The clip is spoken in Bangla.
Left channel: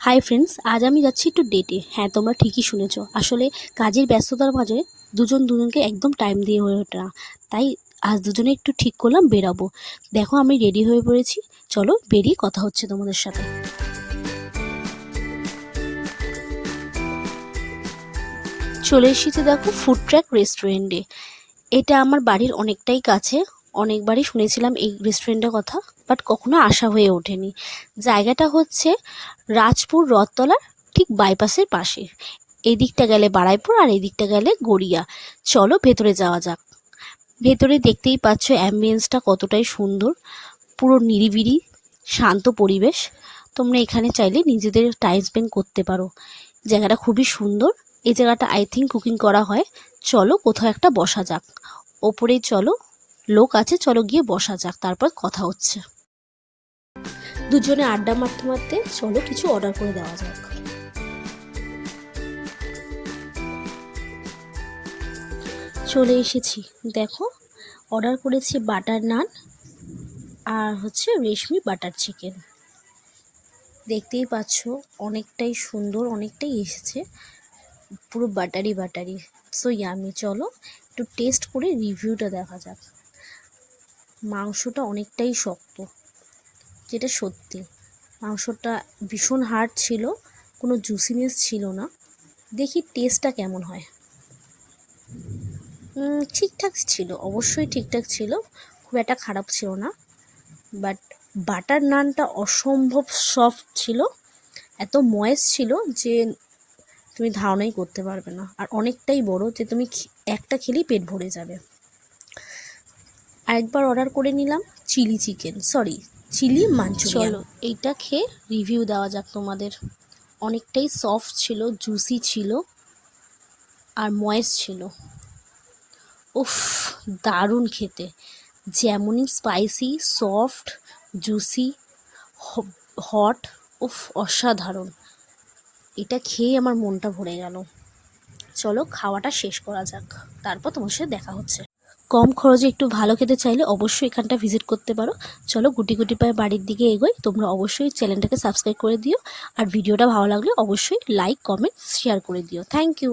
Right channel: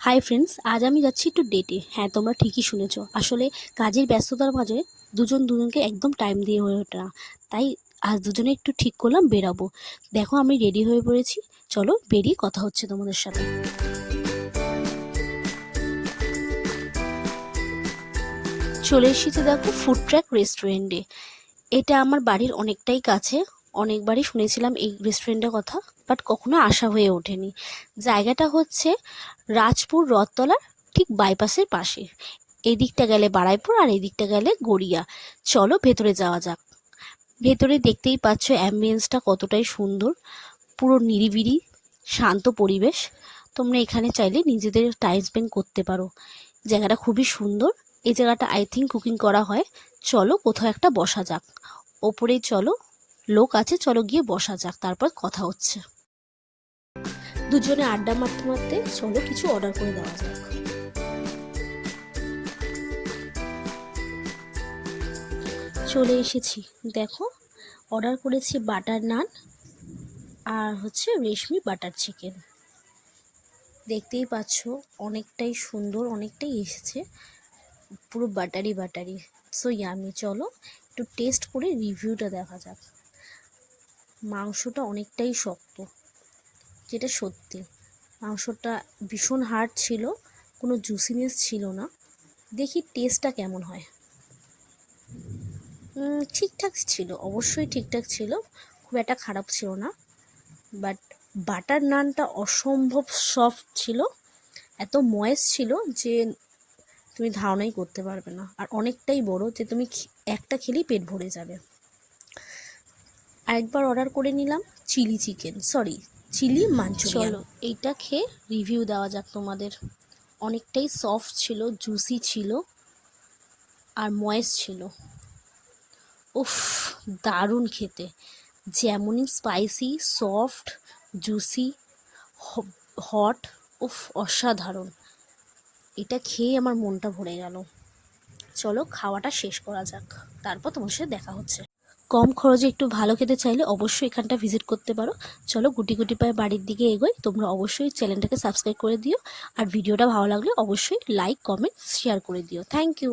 হাই ফ্রেন্ডস, আজ আমি যাচ্ছি একটু ডেটে। হ্যাঁ, তোমরা ঠিকই শুনেছো। আসলে কাজের ব্যস্ততার মাঝে দুজনকে একদম টাইম দিয়ে হয়ে ওঠে না। তাই আজ দুজনে একটু ঠিক করলাম বেরাবো। দেখো আমি রেডি হয়ে পড়েছি, চলো বেরিয়ে কথা হচ্ছে তোমাদের সাথে। চলে এসেছি দেখো ফুড ট্র্যাক রেস্টুরেন্টে। এটা আমার বাড়ির অনেকটাই কাছে, অনেকবারই শুনেছিলাম এই রেস্টুরেন্টের কথা, বাট কখনো আসা হয়ে ওঠেনি। জায়গাটা হচ্ছে রাজপুর রথতলার ঠিক বাইপাসের পাশে। এই দিকটা গেলে বারাইপুর আর এই দিকটা গেলে গড়িয়া। চলো ভেতরে যাওয়া যাক। ভেতরে দেখতেই পাচ্ছ অ্যাম্বিয়েন্সটা কতটাই সুন্দর, পুরো নিরিবিলি শান্ত পরিবেশ। তোমরা এখানে চাইলে নিজেদের টাইম স্পেন্ড করতে পারো। জায়গাটা খুবই সুন্দর। এই জায়গাটা আই থিঙ্ক কুকিং করা হয়। চলো কোথাও একটা বসা যাক। ওপরেই চলো, লোক আছে, চলো গিয়ে বসা যাক, তারপর কথা হচ্ছে। দুজনে আড্ডা মারতে মারতে চলো কিছু অর্ডার করে দেওয়া যাক। চলে এসেছি, দেখো অর্ডার করেছি বাটার নান আর হচ্ছে রেশমি বাটার চিকেন। দেখতেই পাচ্ছ অনেকটাই সুন্দর, অনেকটাই এসেছে, পুরো বাটারি বাটারি, সো ইয়ামি। চলো একটু টেস্ট করে রিভিউটা দেখা যাক। মাংসটা অনেকটাই শক্ত, যেটা সত্যি। মাংসটা ভীষণ হার্ড ছিল, কোনো জুসিনেস ছিল না। দেখি টেস্টটা কেমন হয়। ঠিকঠাক ছিল, অবশ্যই ঠিকঠাক ছিল, খুব একটা খারাপ ছিল না। বাট বাটার নানটা অসম্ভব সফট ছিল, এত ময়েস ছিল যে তুমি ধারণাই করতে পারবে না। আর অনেকটাই বড়, যে তুমি একটা খেলেই পেট ভরে যাবে। আরেকবার অর্ডার করে নিলাম চিলি মাঞ্চুরিয়ান। চলো এইটা খেয়ে রিভিউ দেওয়া যাক তোমাদের। অনেকটাই সফট ছিল, জুসি ছিল আর ময়েস ছিল। উফ, দারুণ খেতে। যেমনই স্পাইসি, সফট, জুসি, হট, উফ অসাধারণ। এটা খেয়ে আমার মনটা ভরে গেল। চলো খাওয়াটা শেষ করা যাক, তারপর তোমার সাথে দেখা হচ্ছে। কম খরচে একটু ভালো খেতে চাইলে অবশ্যই এখানটা ভিজিট করতে পারো। চলো গুটি গুটি পায়ে বাড়ির দিকে এগোই। তোমরা অবশ্যই চ্যানেলটাকে সাবস্ক্রাইব করে দিও, আর ভিডিওটা ভালো লাগলে অবশ্যই লাইক, কমেন্ট, শেয়ার করে দিও। Thank you.